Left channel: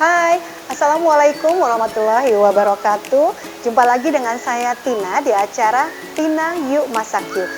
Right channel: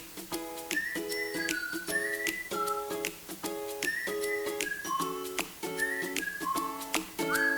Hai, Assalamualaikum warahmatullahi wabarakatuh. Jumpa lagi dengan saya Tina di acara Tina Yuk Masak Yuk.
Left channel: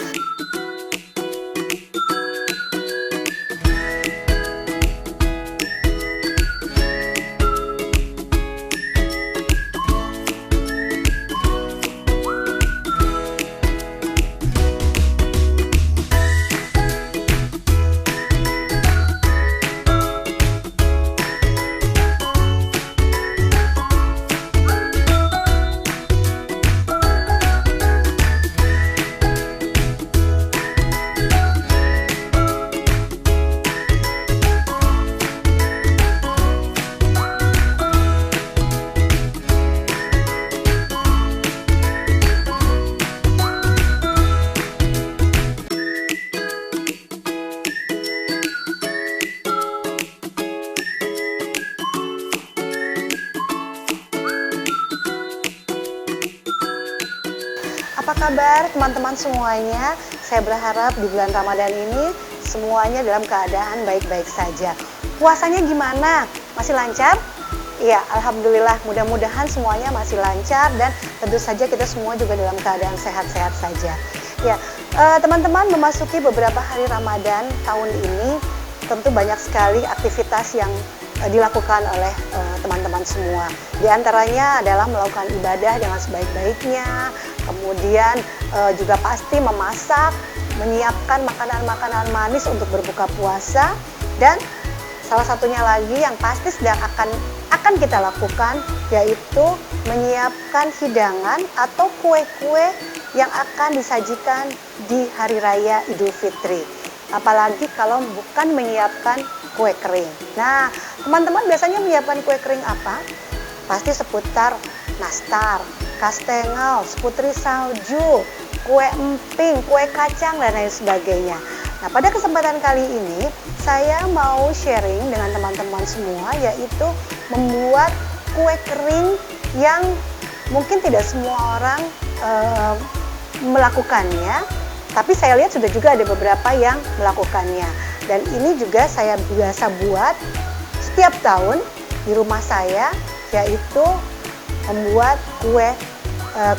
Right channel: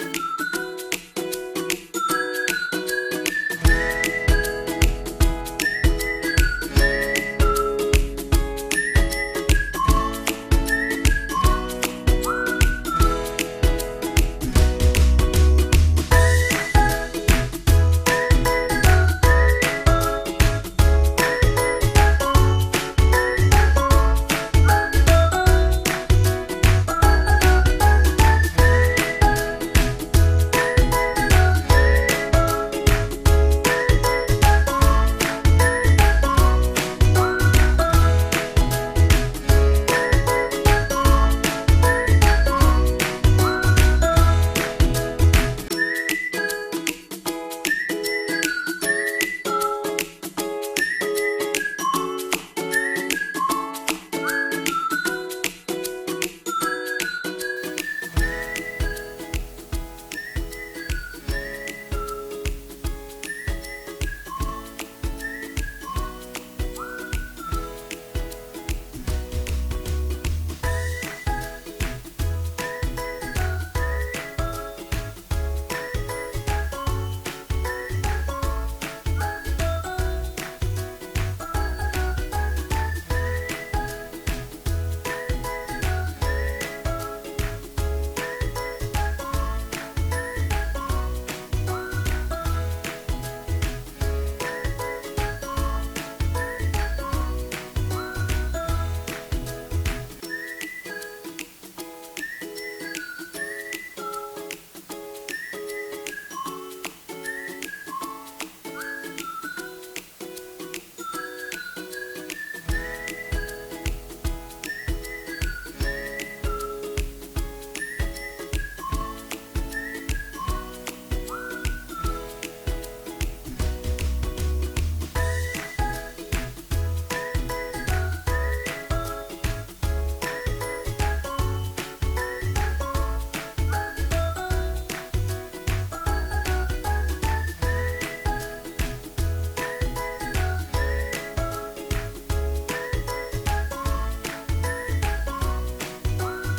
Apa kabar teman-teman semuanya? Saya berharap di bulan Ramadan ini semuanya dalam keadaan baik-baik saja. Puasanya gimana? Masih lancar? Ya, Alhamdulillah, mudah-mudahan semuanya masih lancar dan tentu saja kita semua juga dalam keadaan sehat-sehat saja. Ya, teman-teman memasuki beberapa hari Ramadan tahun ini tentu banyak sekali aktivitas yang dilakukan oleh teman-teman semua. Di antaranya adalah melakukan ibadah dengan sebaik-baiknya, kemudian juga pasti memasak, menyiapkan makanan-makanan manis untuk berbuka puasa, dan salah satunya lagi yang pasti sedang akan kita lakukan yaitu menyiapkan hidangan atau kue-kue yang akan disajikan di Hari Raya Idul Fitri. Apalagi kalau bukan menyiapkan kue kering. Nah, teman-teman biasanya menyiapkan kue kering apa? Pasti seputar nastar, kastengel, putri salju, kue emping, kue kacang, dan lain sebagainya. Nah, pada kesempatan kali ini saya mau sharing dengan teman-teman semua yaitu membuat kue kering yang mungkin tidak semua orang melakukannya, tapi saya lihat sudah juga ada beberapa yang melakukannya. Dan ini juga saya biasa buat setiap tahun di rumah saya, yaitu membuat kue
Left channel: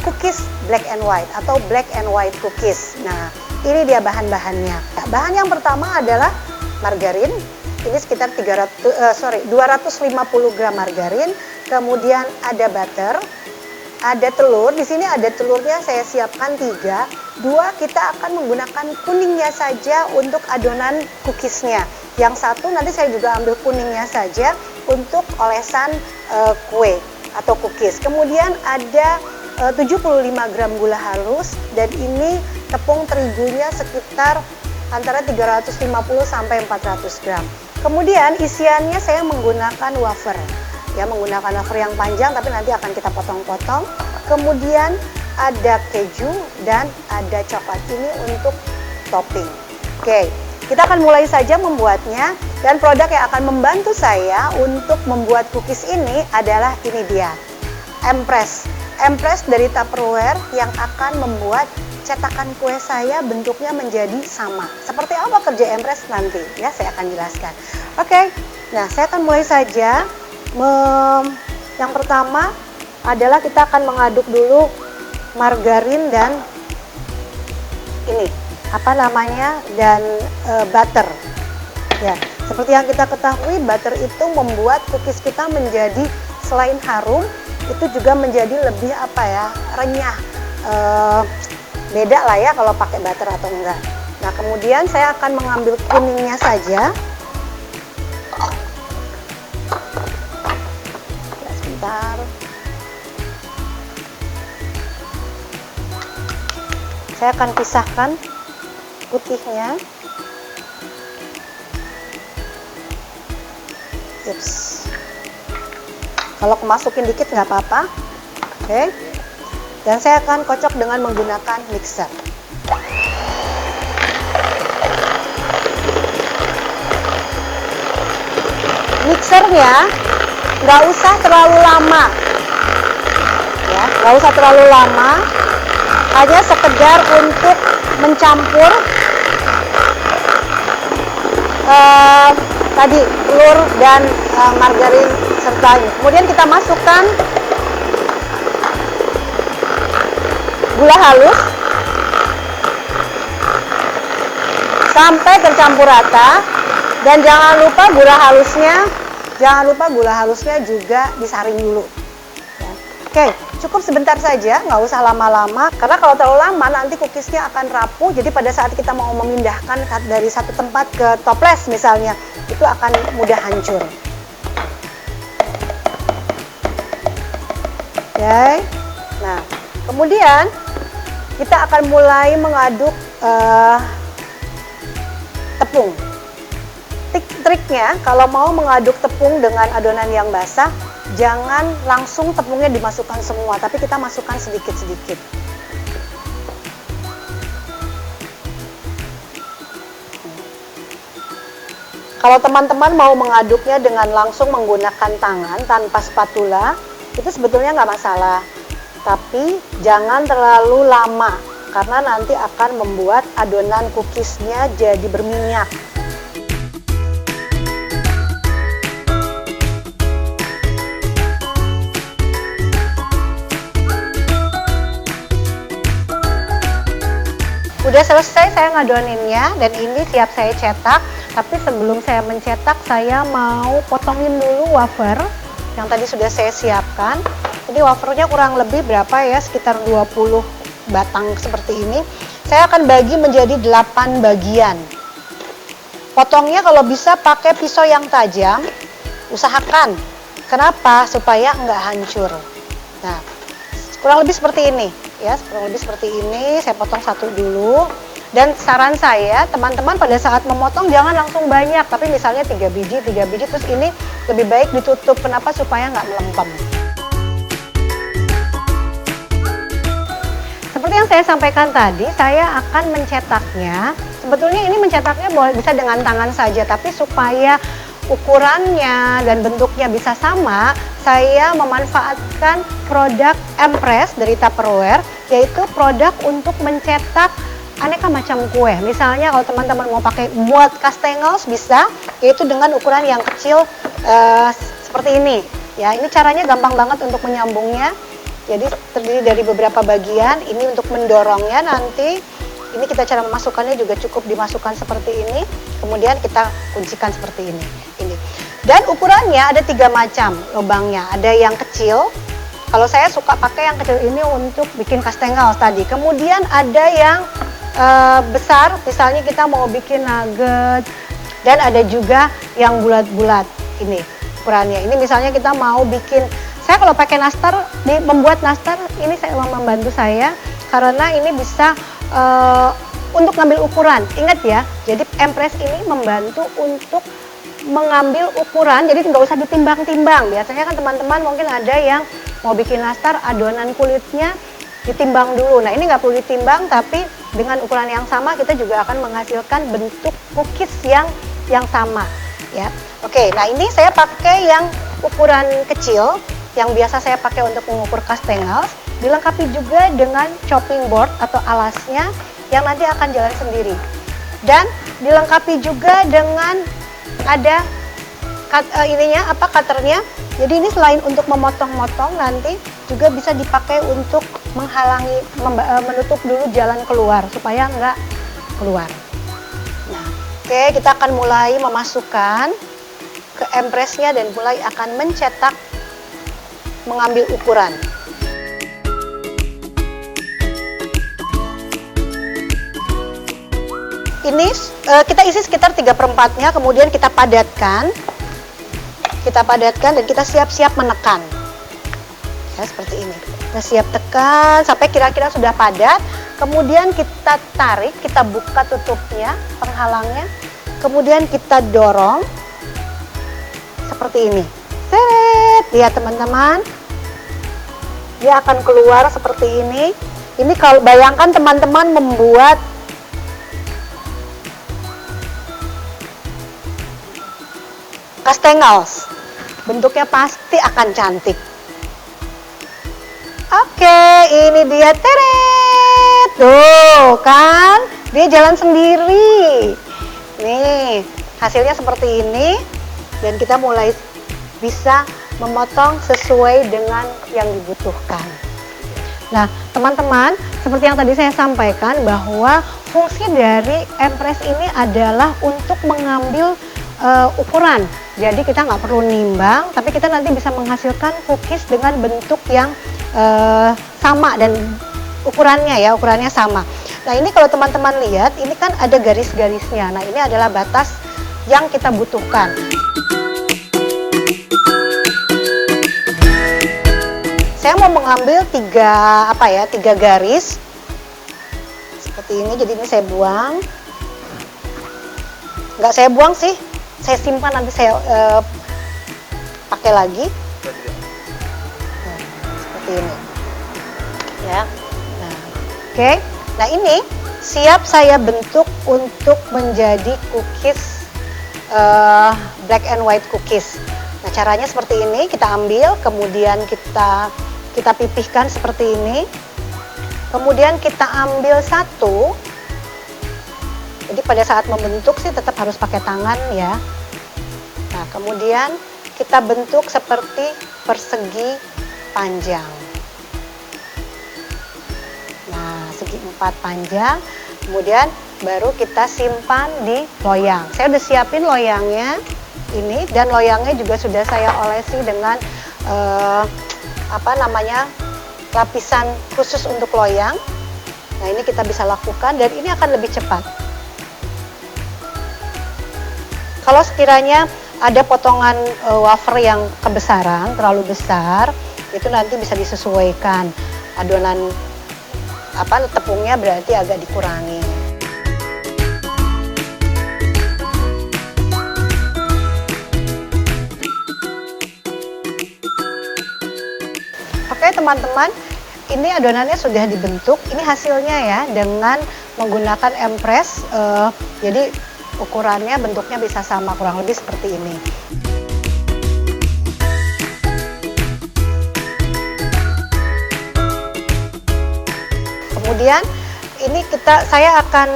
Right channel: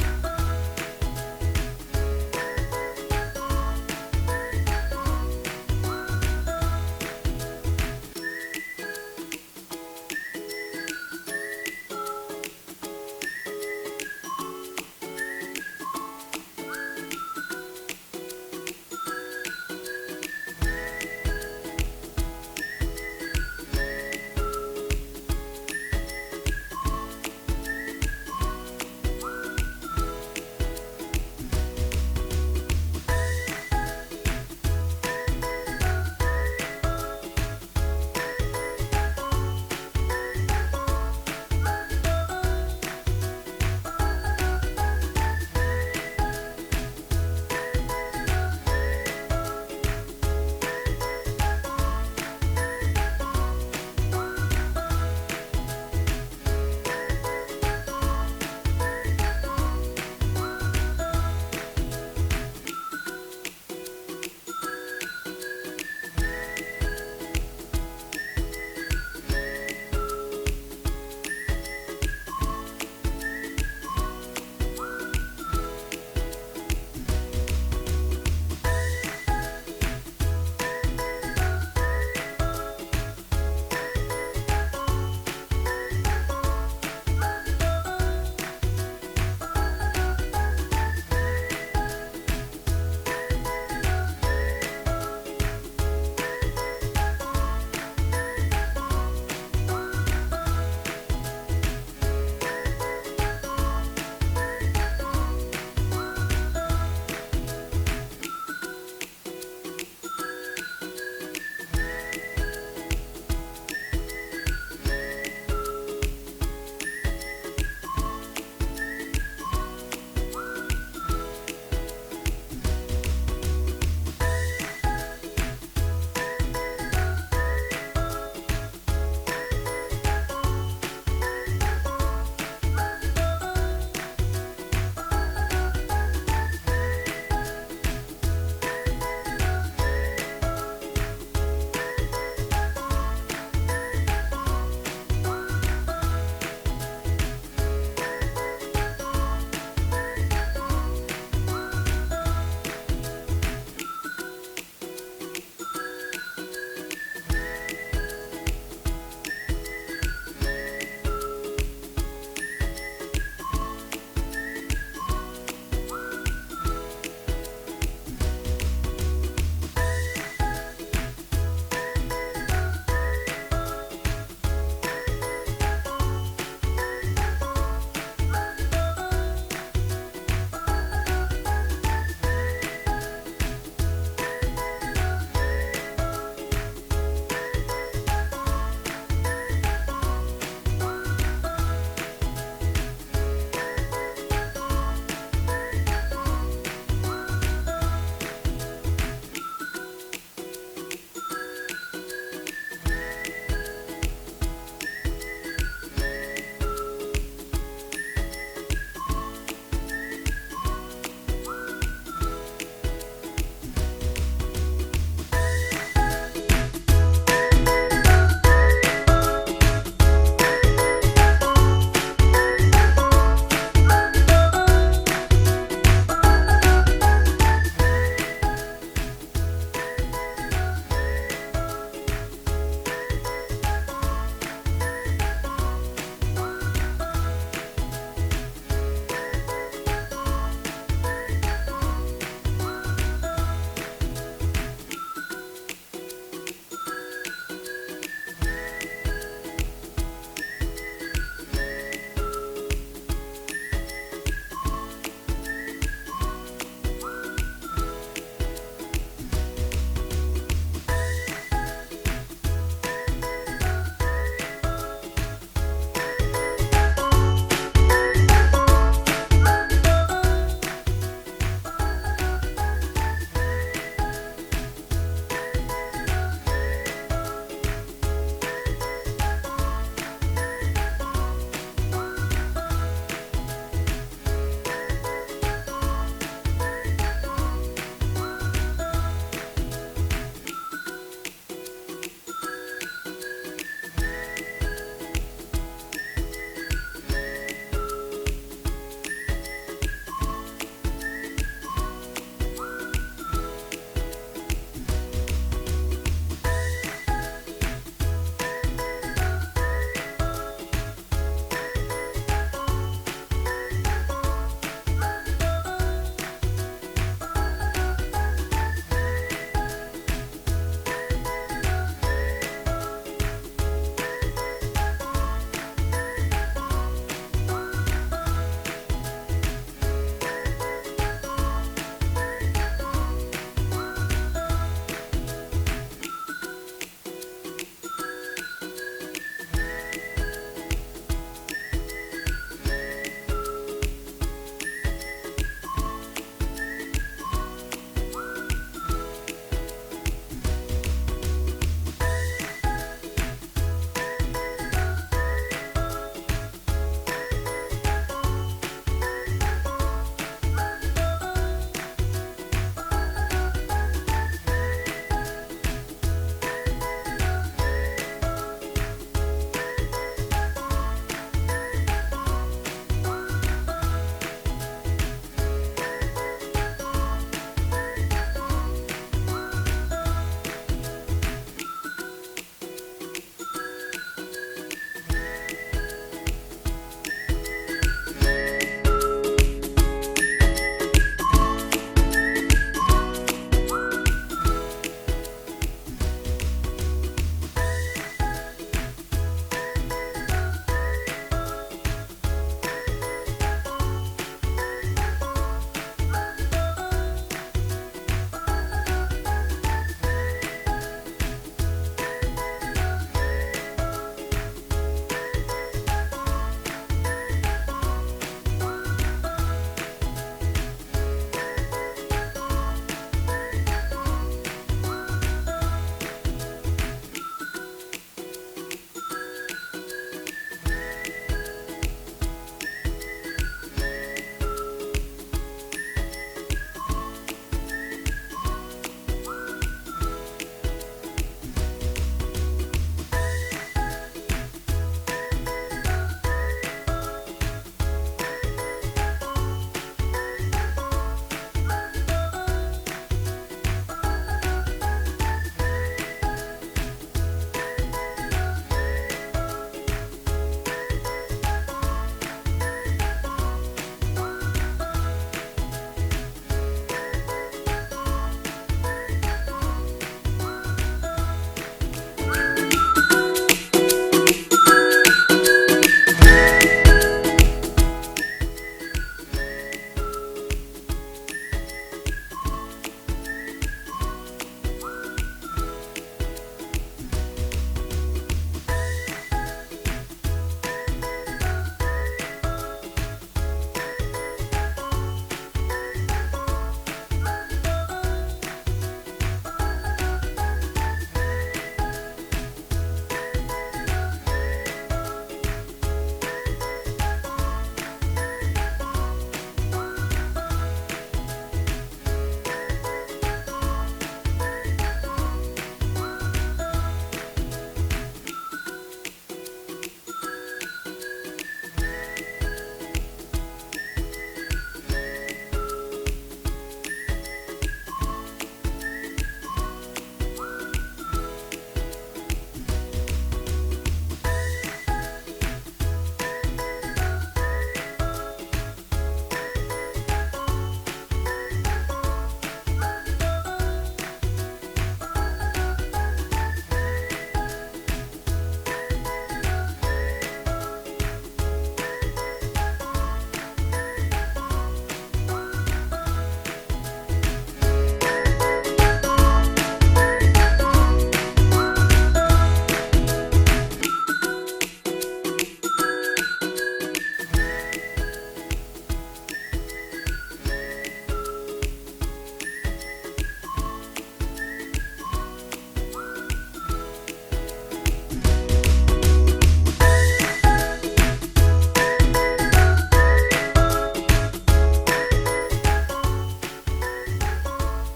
cookies black and white atau black and white cookies. Nah, ini dia bahan-bahannya. Bahan yang pertama adalah margarin. Ini sekitar 250 gram margarin. Kemudian ada butter, ada telur. Di sini ada telurnya saya siapkan 3. 2 kita akan menggunakan kuningnya saja untuk adonan cookiesnya. Yang satu nanti saya juga ambil kuningnya saja untuk olesan kue atau cookies. Kemudian ada 75 gram gula halus, dan ini tepung terigunya sekitar antara 350 sampai 400 gram. Kemudian isiannya saya menggunakan wafer. Ya, menggunakan wafer yang panjang tapi nanti akan kita potong-potong. Kemudian ada keju dan ada coklat, ini untuk topping. Oke, kita akan mulai saja membuatnya, dan produk yang akan membantu saya untuk membuat cookies ini adalah ini dia, Empress. Empress dari Tupperware yang akan membuat cetakan kue saya bentuknya menjadi sama. Seperti apa kerja Empress nanti ya, saya akan jelaskan. Oke, nah saya akan mulai saja. Yang pertama adalah kita akan mengaduk dulu margarin dan ini dan butter. Ya, seperti yang kita ketahui, butter itu membuat cookies kita menjadi selain harum, itu juga menjadi lebih renyah. Beda lah ya kalau pakai butter atau enggak. Nah, kemudian saya akan mengambil kuningnya saja. Sebentar. Saya akan pisahkan putihnya. Ups. Kalau kemasukin dikit nggak apa-apa. Oke. Dan saya akan kocok dengan menggunakan mixer. Mixernya nggak usah terlalu lama, ya, nggak usah terlalu lama. Hanya sekedar untuk mencampur tadi telur dan margarin sertanya. Kemudian kita masukkan gula halus sampai tercampur rata, dan jangan lupa gula halusnya juga disaring dulu. Oke, cukup sebentar saja, nggak usah lama-lama, karena kalau terlalu lama nanti cookiesnya akan rapuh. Jadi pada saat kita mau memindahkan dari satu tempat ke toples misalnya, itu akan mudah hancur. Oke, nah kemudian kita akan mulai mengaduk tepung. Triknya kalau mau mengaduk tepung dengan adonan yang basah, jangan langsung tepungnya dimasukkan semua, tapi kita masukkan sedikit-sedikit. Kalau teman-teman mau mengaduknya dengan langsung menggunakan tangan tanpa spatula, itu sebetulnya nggak masalah. Tapi jangan terlalu lama, karena nanti akan membuat adonan cookiesnya jadi berminyak. Udah selesai saya ngadoninnya, dan ini siap saya cetak. Tapi sebelum saya mencetak, saya mau potongin dulu wafer yang tadi sudah saya siapkan. Ini wafernya kurang lebih berapa ya, sekitar 20 batang seperti ini. Saya akan bagi menjadi 8 bagian. Potongnya kalau bisa pakai pisau yang tajam, usahakan. Kenapa? Supaya nggak hancur. Nah, kurang lebih seperti ini. Ya, kurang lebih seperti ini. Saya potong satu dulu. Dan saran saya, teman-teman pada saat memotong jangan langsung banyak, tapi misalnya 3 biji, terus ini lebih baik ditutup. Kenapa? Supaya nggak melempem. Seperti yang saya sampaikan tadi, saya akan mencetaknya. Sebetulnya ini mencetaknya bisa dengan tangan saja, tapi supaya ukurannya dan bentuknya bisa sama, saya memanfaatkan produk Empress dari Tupperware, yaitu produk untuk mencetak aneka macam kue. Misalnya kalau teman-teman mau pakai buat kastengels bisa, yaitu dengan ukuran yang kecil seperti ini. Ya, ini caranya gampang banget untuk menyambungnya. Jadi terdiri dari beberapa bagian. Ini untuk mendorongnya nanti. Ini kita cara memasukkannya juga cukup dimasukkan seperti ini. Kemudian kita kuncikan seperti ini. Dan ukurannya ada 3 macam lubangnya. Ada yang kecil. Kalau saya suka pakai yang kecil ini untuk bikin kastengels tadi. Kemudian ada yang besar, misalnya kita mau bikin nugget. Dan ada juga yang bulat-bulat. Ini ukurannya. Ini misalnya kita mau bikin, saya kalau pakai nastar, membuat nastar ini saya membantu saya karena ini bisa untuk ngambil ukuran. Ingat ya, jadi Empress ini membantu untuk mengambil ukuran, jadi nggak usah ditimbang-timbang. Biasanya kan teman-teman mungkin ada yang mau bikin nastar, adonan kulitnya ditimbang dulu. Nah, ini nggak perlu ditimbang, tapi dengan ukuran yang sama kita juga akan menghasilkan bentuk cookies yang sama. Ya, oke. Nah, ini saya pakai yang ukuran kecil, yang biasa saya pakai untuk mengukur kastengels. Dilengkapi juga dengan chopping board atau alasnya yang nanti akan jalan sendiri. Dan dilengkapi juga dengan ada cutternya. Jadi ini selain untuk memotong-motong, nanti juga bisa dipakai untuk menghalangi, menutup dulu jalan keluar supaya nggak keluar. Nah, oke, kita akan mulai memasukkan ke Empressnya dan mulai akan mencetak, mengambil ukuran. Ini kita isi sekitar 3/4-nya, kemudian kita padatkan. Dan kita siap-siap menekan. Ya, seperti ini. Kita siap tekan sampai kira-kira sudah padat. Kemudian kita tarik, kita buka tutupnya, penghalangnya. Kemudian kita dorong seperti ini. Seret, lihat teman-teman. Dia akan keluar seperti ini. Ini kalau bayangkan teman-teman membuat kastengels, bentuknya pasti akan cantik. Oke, ini dia, tuh kan, dia jalan sendiri. Nih, hasilnya seperti ini dan kita mulai bisa memotong sesuai dengan yang dibutuhkan. Nah, teman-teman, seperti yang tadi saya sampaikan bahwa fungsi dari empres ini adalah untuk mengambil ukuran. Jadi kita nggak perlu nimbang, tapi kita nanti bisa menghasilkan cookies dengan bentuk yang sama dan ukurannya sama. Nah, ini kalau teman-teman lihat, ini kan ada garis-garisnya. Nah, ini adalah batas yang kita butuhkan. Saya mau mengambil tiga garis seperti ini. Jadi ini saya buang. Nggak saya buang sih, saya simpan, nanti saya pakai lagi. Nah, seperti ini. Ya. Nah, oke. Nah, ini siap saya bentuk untuk menjadi cookies black and white cookies. Nah, caranya seperti ini, kita ambil, kemudian kita pipihkan seperti ini. Kemudian kita ambil satu. Jadi pada saat membentuk sih tetap harus pakai tangan ya. Nah, kemudian kita bentuk seperti persegi panjang. Nah, segi 4 panjang. Kemudian baru kita simpan di loyang. Saya udah siapin loyangnya ini, dan loyangnya juga sudah saya olesi dengan lapisan khusus untuk loyang. Nah, ini kita bisa lakukan dan ini akan lebih cepat. Kalau sekiranya ada potongan wafer yang kebesaran, terlalu besar, itu nanti bisa disesuaikan. Adonan tepungnya berarti agak dikurangi. Oke teman-teman, ini adonannya sudah dibentuk. Ini hasilnya ya, dengan menggunakan empres. Jadi ukurannya, bentuknya bisa sama, kurang lebih seperti ini. Kemudian ini saya akan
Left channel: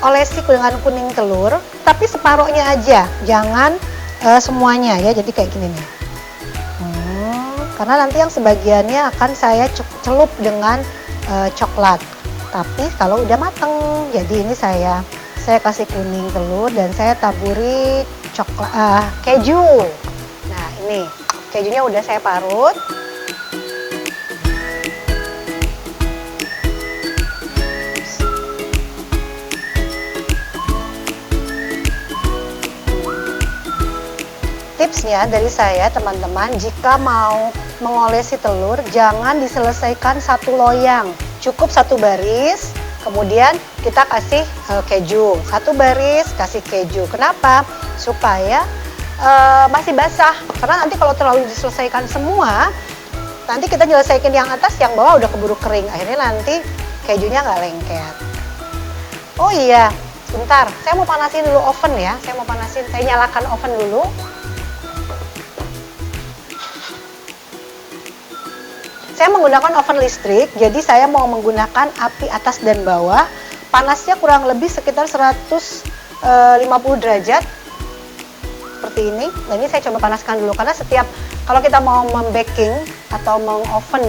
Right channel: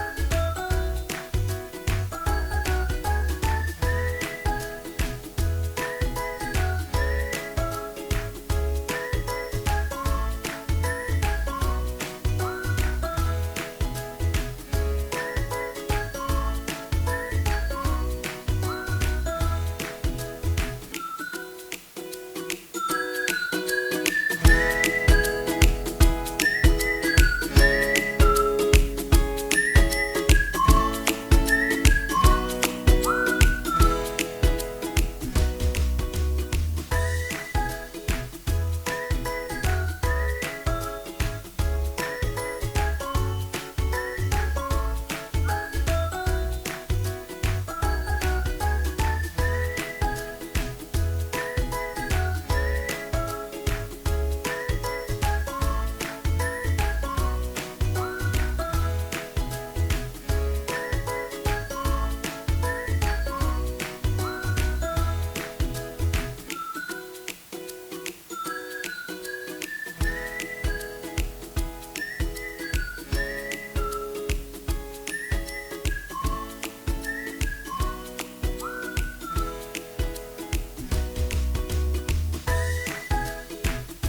olesi dengan kuning telur, tapi separohnya aja, jangan semuanya ya. Jadi kayak gini nih. Karena nanti yang sebagiannya akan saya celup dengan coklat. Tapi kalau udah mateng, jadi ini saya kasih kuning telur dan saya taburi keju. Nah, ini kejunya udah saya parut. Tipsnya dari saya teman-teman, jika mau mengolesi telur, jangan diselesaikan satu loyang, cukup satu baris, kemudian kita kasih keju, satu baris kasih keju. Kenapa? Supaya masih basah, karena nanti kalau terlalu diselesaikan semua, nanti kita nyelesaikan yang atas, yang bawah udah keburu kering, akhirnya nanti kejunya nggak lengket. Oh iya, sebentar, saya mau panasin dulu oven ya, saya nyalakan oven dulu. Saya menggunakan oven listrik, jadi saya mau menggunakan api atas dan bawah. Panasnya kurang lebih sekitar 150 derajat, seperti ini. Nah, ini saya coba panaskan dulu, karena kalau kita mau membaking atau mengoven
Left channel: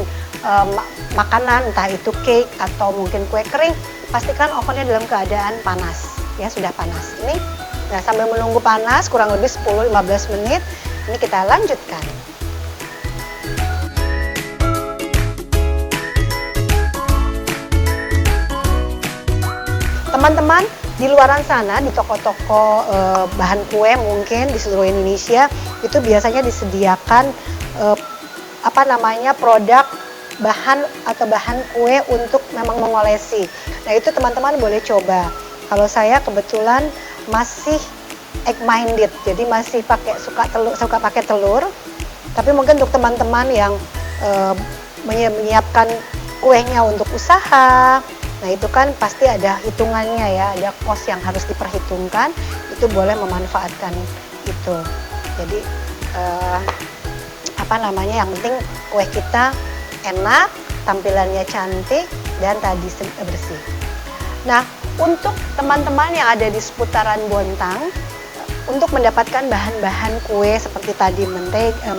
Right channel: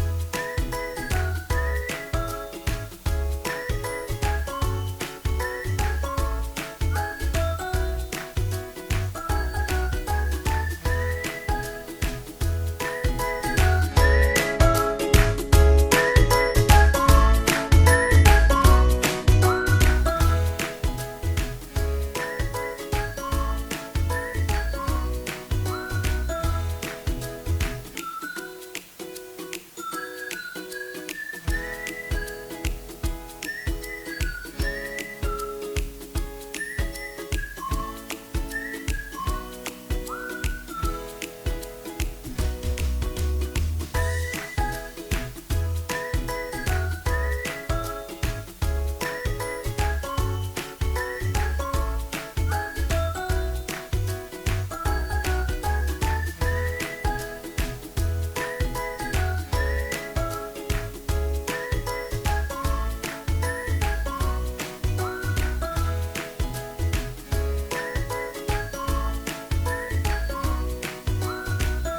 makanan, entah itu cake atau mungkin kue kering, pastikan ovennya dalam keadaan panas, ya sudah panas. Ini, nah sambil menunggu panas kurang lebih 10-15 menit, ini kita lanjutkan. Teman-teman, di luaran sana, di toko-toko bahan kue mungkin di seluruh Indonesia, itu biasanya disediakan produk bahan kue untuk memang mengolesi. Nah, itu teman-teman boleh coba. Kalau saya kebetulan masih egg minded, jadi masih suka pakai telur. Tapi mungkin untuk teman-teman yang menyiapkan kuenya untuk usaha, nah itu kan pasti ada hitungannya ya, ada cost yang harus diperhitungkan, itu boleh memanfaatkan itu. Jadi yang penting kue kita enak, tampilannya cantik, dan tadi bersih. Nah, untuk teman-teman yang ada di seputaran Bontang, untuk mendapatkan bahan-bahan kue seperti tadi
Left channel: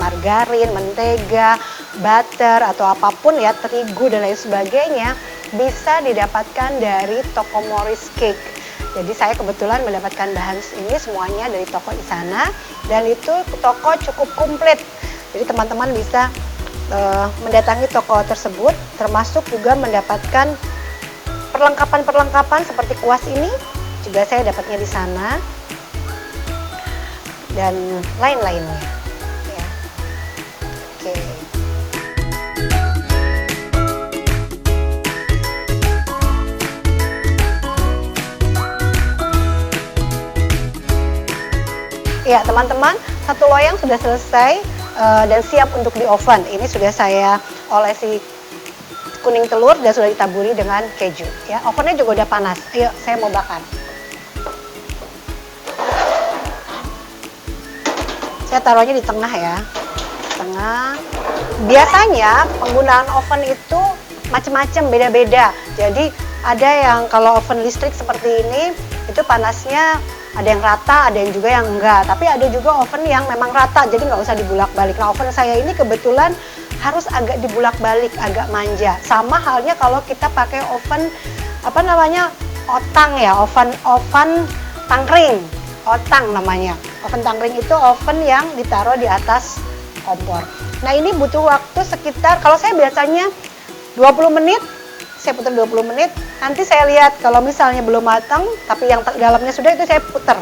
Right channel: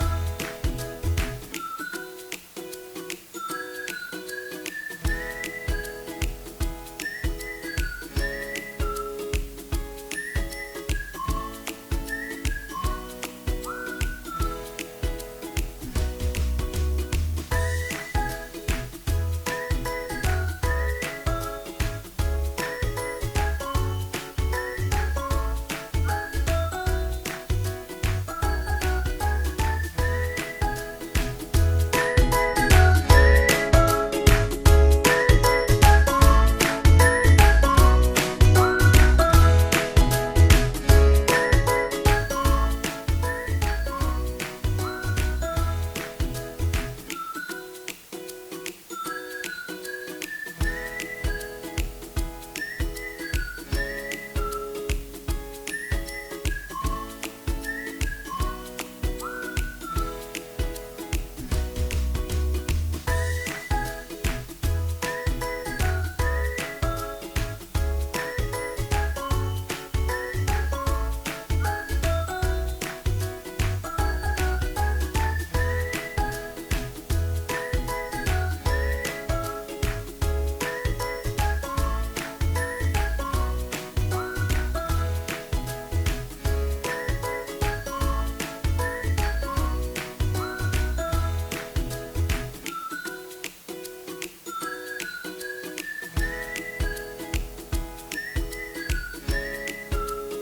margarin, mentega, butter atau apapun ya, terigu dan lain sebagainya bisa didapatkan dari toko Morris Cake. Jadi saya kebetulan mendapatkan bahan ini semuanya dari toko di sana dan itu toko cukup komplit. Jadi teman-teman bisa mendatangi toko tersebut, termasuk juga mendapatkan perlengkapan seperti kuas ini juga saya dapatnya di sana dan lain-lainnya. Ya. Oke. Ya teman-teman, satu loyang sudah selesai dan siap untuk di oven. Ini sudah saya olesi kuning telur dan sudah ditaburi dengan keju. Ya, ovennya juga udah panas. Ayo, saya mau bakar. Saya taruhnya di tengah ya, tengah. Biasanya penggunaan oven itu macam-macam, beda-beda. Jadi ada yang kalau oven listrik seperti ini, itu panasnya ada yang rata, ada yang juga yang enggak. Tapi ada juga oven yang memang rata, jadi nggak usah dibulak-balik. Nah, oven saya ini kebetulan harus agak dibulak-balik, agak manja. Sama halnya kalau kita pakai oven otang ya, oven tangkring, otang namanya. Oven tangkring itu oven yang ditaruh di atas kompor. Nah ini butuh waktu sekitar, kalau saya biasanya 20 menit, saya putar 20 menit. Nanti saya lihat kalau misalnya belum matang, tapi yang dalamnya sudah, itu saya putar.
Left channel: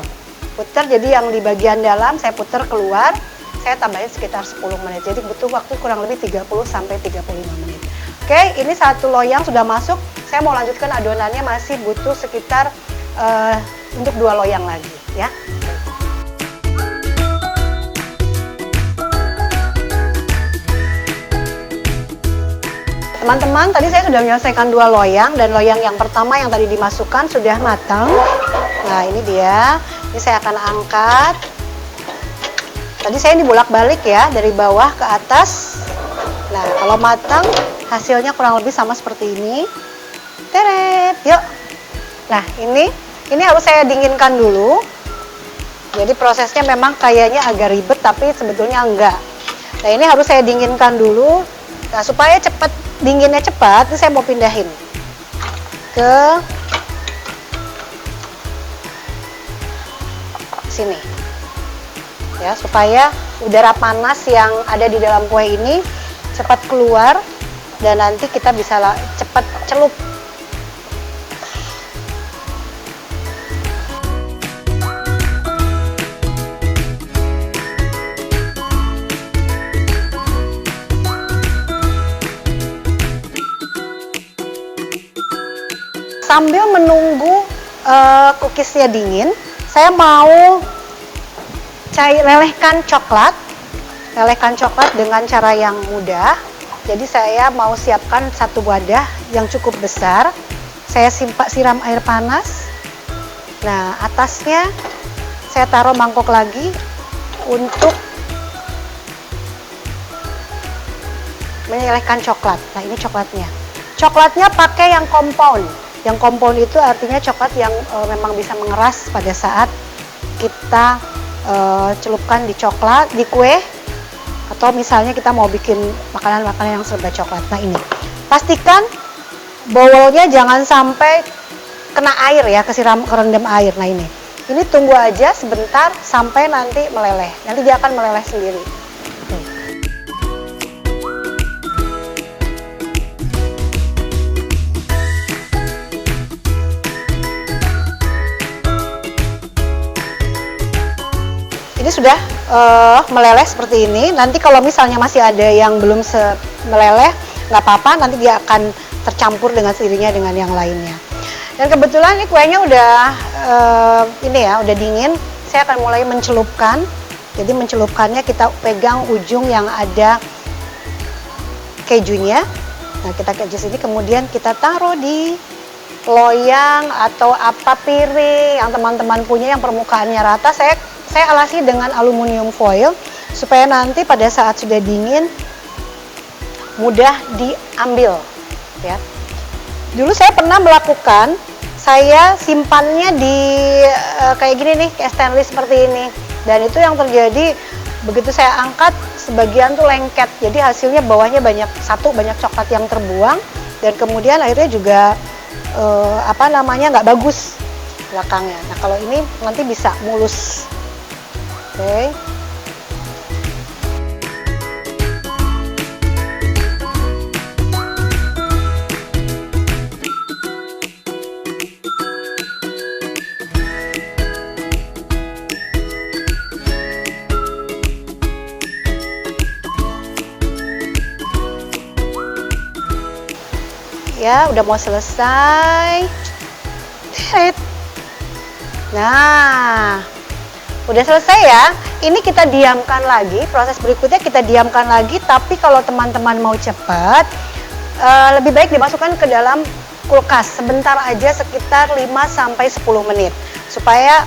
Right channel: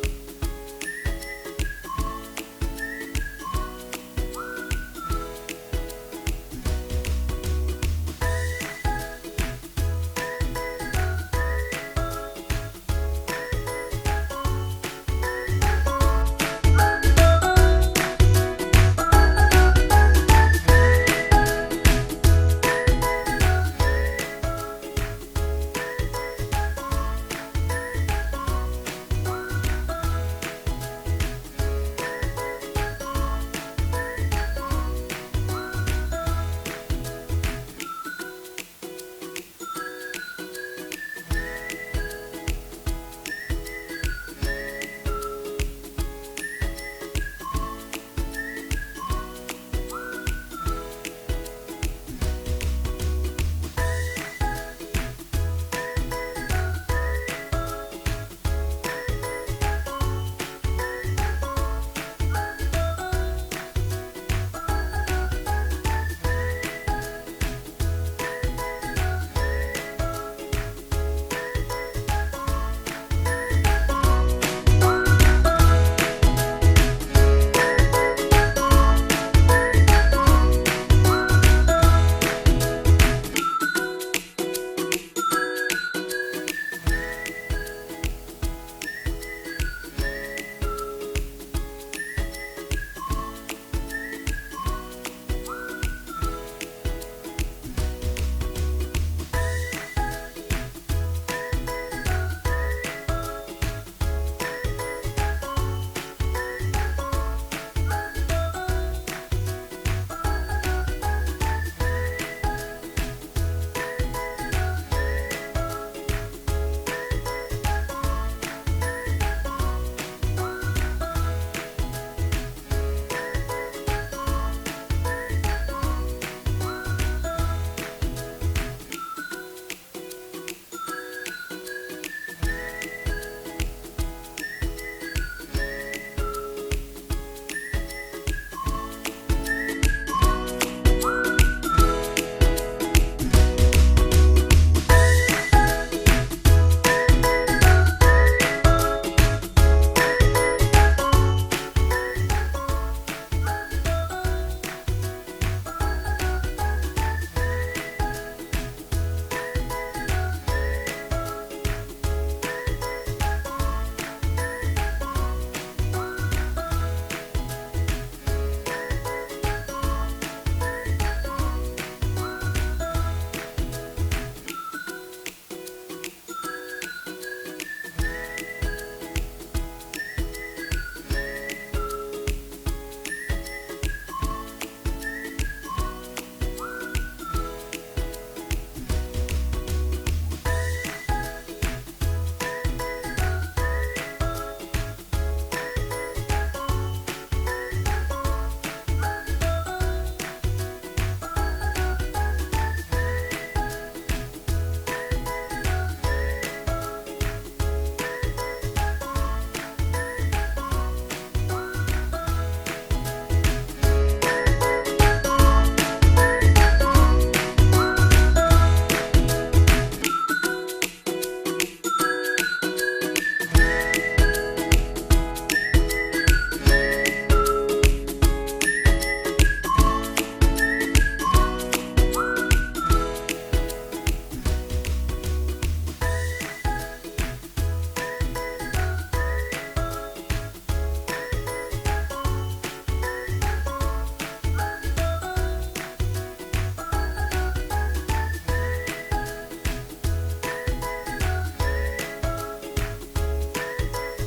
Jadi yang di bagian dalam saya putar keluar, saya tambahin sekitar 10 menit. Jadi butuh waktu kurang lebih 30 sampai 35 menit. Oke, ini satu loyang sudah masuk. Saya mau lanjutkan adonannya, masih butuh sekitar untuk 2 loyang lagi ya. Teman-teman, tadi saya sudah menyelesaikan 2 loyang dan loyang yang pertama yang tadi dimasukkan sudah matang. Nah, ini dia. Ini saya akan angkat. Tadi saya dibolak-balik ya, dari bawah ke atas. Nah, kalau matang hasilnya kurang lebih sama seperti ini. Teret, yuk. Nah, ini harus saya dinginkan dulu. Jadi prosesnya memang kayaknya agak ribet, tapi sebetulnya enggak. Nah, ini harus saya dinginkan dulu. Nah, supaya cepat dinginnya cepat, ini saya mau pindahin ke sini. Ya, supaya udara panas yang ada di dalam kue ini cepat keluar dan nanti kita bisa cepat celup. Sambil menunggu cookiesnya dingin, saya mau lelehkan coklat dengan cara yang mudah. Jadi saya mau siapkan satu wadah yang cukup besar. Saya siram air panas. Nah, atasnya saya taruh mangkok lagi untuk melelehkan coklat. Nah, ini coklatnya. Coklatnya pakai yang compound. Yang compound itu artinya coklat yang memang bisa mengeras pada saat kita celupkan di kue, atau misalnya kita mau bikin makanan-makanan yang serba coklat. Nah, ini pastikan bowlnya jangan sampai kena air ya, kerendam air. Nah, ini tunggu aja sebentar sampai nanti meleleh. Nanti dia akan meleleh sendiri. Sudah meleleh seperti ini. Nanti kalau misalnya masih ada yang belum meleleh, nggak apa-apa, nanti dia akan tercampur dengan sendirinya dengan yang lainnya. Dan kebetulan ini kuenya udah udah dingin. Saya akan mulai mencelupkan. Jadi mencelupkannya kita pegang ujung yang ada kejunya. Nah, kita keju sini, kemudian kita taruh di loyang atau apa piring yang teman-teman punya yang permukaannya rata. Saya alasi dengan aluminium foil supaya nanti pada saat sudah dingin mudah diambil ya. Dulu saya pernah melakukan saya simpannya di kayak gini nih, kayak stainless seperti ini. Dan itu yang terjadi begitu saya angkat, sebagian tuh lengket. Jadi hasilnya bawahnya banyak coklat yang terbuang, dan kemudian akhirnya juga nggak bagus belakangnya. Nah kalau ini nanti bisa mulus. Oke. Ya, udah mau selesai. Nah, udah selesai ya. Ini kita diamkan lagi. Proses berikutnya kita diamkan lagi. Tapi kalau teman-teman mau cepat, lebih baik dimasukkan ke dalam kulkas sebentar aja, sekitar 5-10 menit, supaya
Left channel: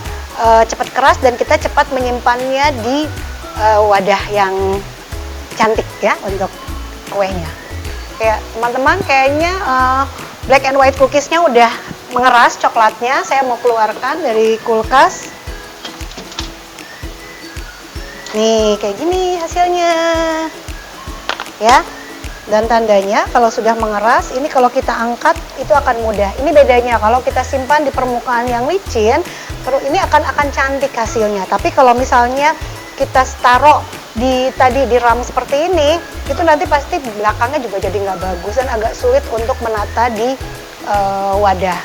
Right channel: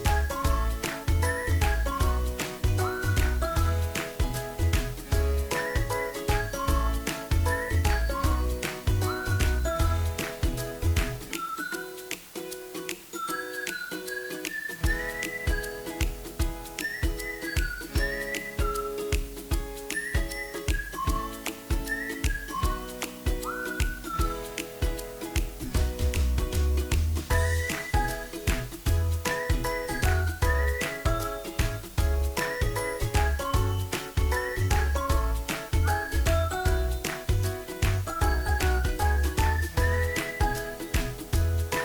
cepat keras dan kita cepat menyimpannya di wadah yang cantik ya untuk kuenya. Kayak teman-teman kayaknya black and white cookiesnya udah mengeras coklatnya. Saya mau keluarkan dari kulkas. Nih kayak gini hasilnya ya. Dan tandanya kalau sudah mengeras, ini kalau kita angkat itu akan mudah. Ini bedanya kalau kita simpan di permukaan yang licin, ini akan cantik hasilnya. Tapi kalau misalnya kita taruh di ram seperti ini, itu nanti pasti belakangnya juga jadi nggak bagus dan agak sulit untuk menata di wadah.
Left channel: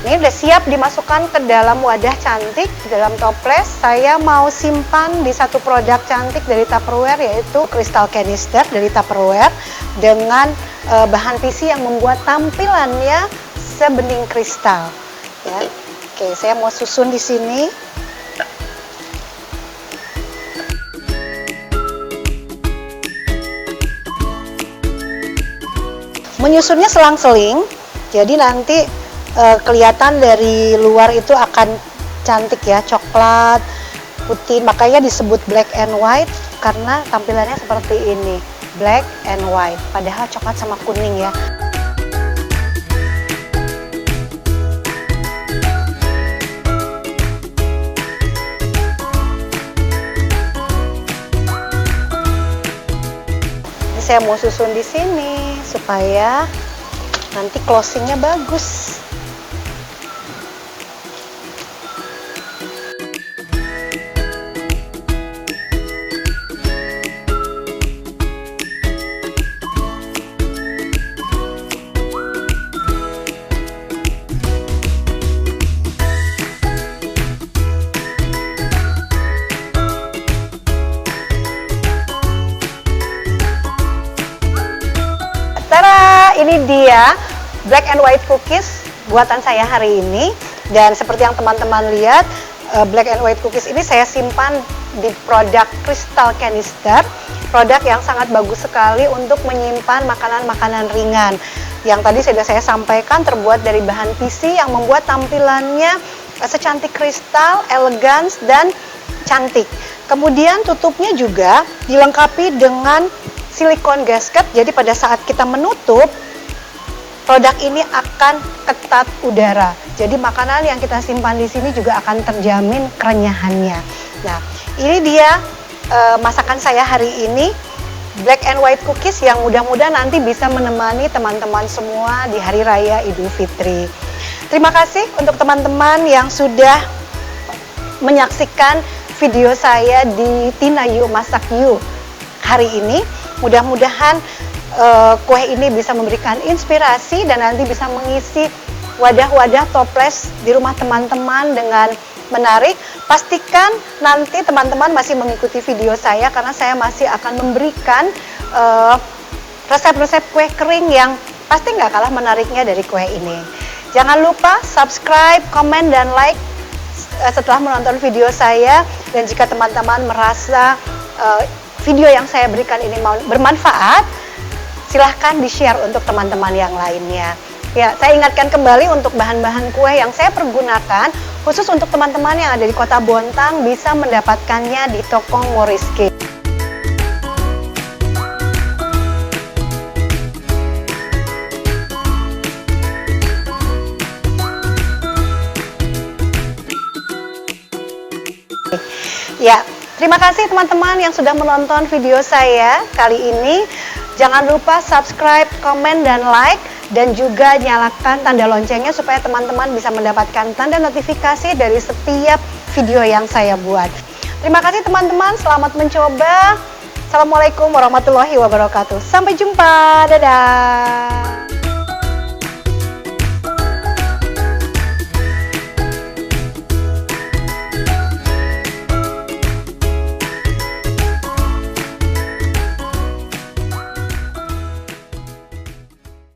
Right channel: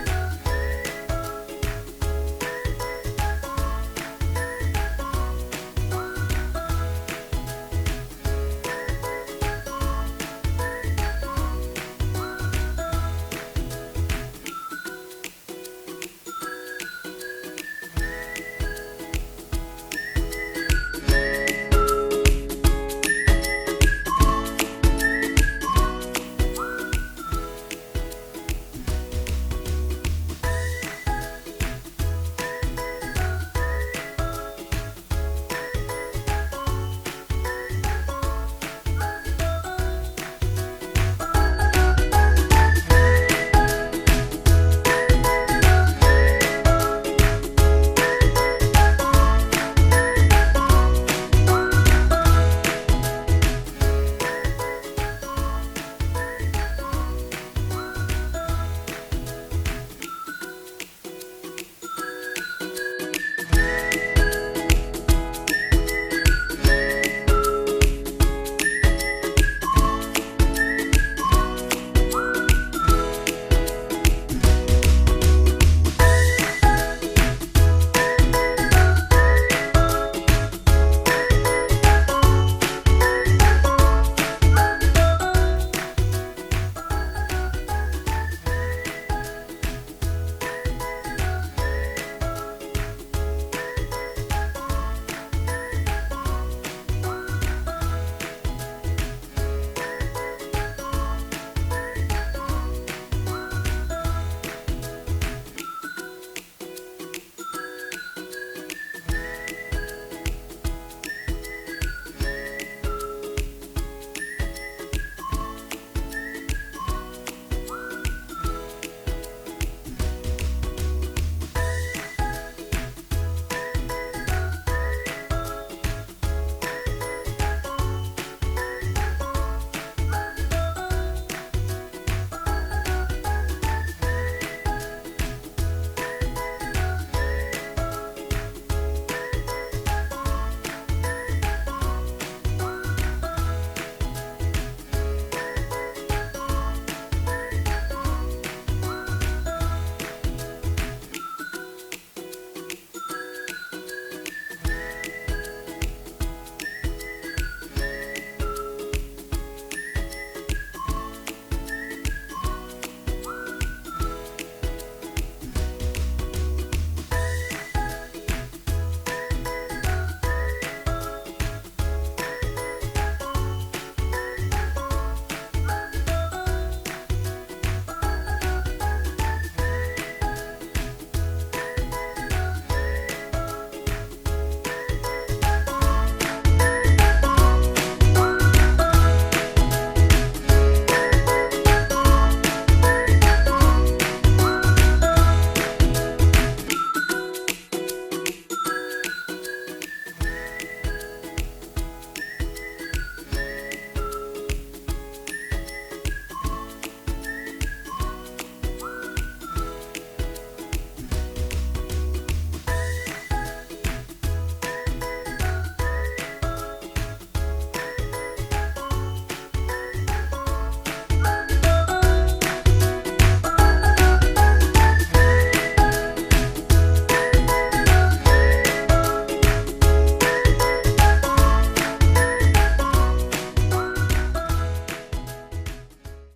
Ini udah siap dimasukkan ke dalam wadah cantik, di dalam toples. Saya mau simpan di satu produk cantik dari Tupperware, yaitu Crystal Canister dari Tupperware dengan bahan PC yang membuat tampilannya sebening kristal. Ya. Oke, saya mau susun di sini. Menyusunnya selang-seling, jadi nanti kelihatan dari luar itu akan cantik ya, coklat, putih. Makanya disebut black and white karena tampilannya seperti ini, black and white. Padahal coklat sama kuning ya. Ini saya mau susun di sini supaya nanti closingnya bagus. Ini dia black and white cookies buatan saya hari ini. Dan seperti yang teman-teman lihat, black and white cookies ini saya simpan di produk Crystal Canister, produk yang sangat bagus sekali untuk menyimpan makanan-makanan ringan. Yang tadi sudah saya sampaikan terbuat dari bahan PC yang membuat tampilannya secantik kristal, elegan dan cantik. Kemudian tutupnya juga dilengkapi dengan silikon gasket, jadi pada saat kita menutup, produk ini akan ketat udara. Jadi makanan yang kita simpan di sini juga akan terjamin kerenyahannya. Nah, ini dia masakan saya hari ini, black and white cookies, yang mudah-mudahan nanti bisa menemani teman-teman semua di Hari Raya Idul Fitri. Terima kasih untuk teman-teman yang sudah menyaksikan video saya di Tina Yu Masak Yu hari ini. Mudah-mudahan kue ini bisa memberikan inspirasi dan nanti bisa mengisi wadah-wadah toples di rumah teman-teman dengan menarik. Pastikan nanti teman-teman masih mengikuti video saya karena saya masih akan memberikan resep-resep kue kering yang pasti nggak kalah menariknya dari kue ini. Jangan lupa subscribe, komen, dan like setelah menonton video saya. Dan jika teman-teman merasa video yang saya berikan ini bermanfaat, silahkan di-share untuk teman-teman yang lainnya. Ya, saya ingatkan kembali untuk bahan-bahan kue yang saya pergunakan, khusus untuk teman-teman yang ada di Kota Bontang bisa mendapatkannya di toko Moriski. Terima kasih teman-teman yang sudah menonton video saya kali ini. Jangan lupa subscribe, komen, dan like. Dan juga nyalakan tanda loncengnya supaya teman-teman bisa mendapatkan tanda notifikasi dari setiap video yang saya buat. Terima kasih teman-teman, selamat mencoba. Assalamualaikum warahmatullahi wabarakatuh. Sampai jumpa, dadah.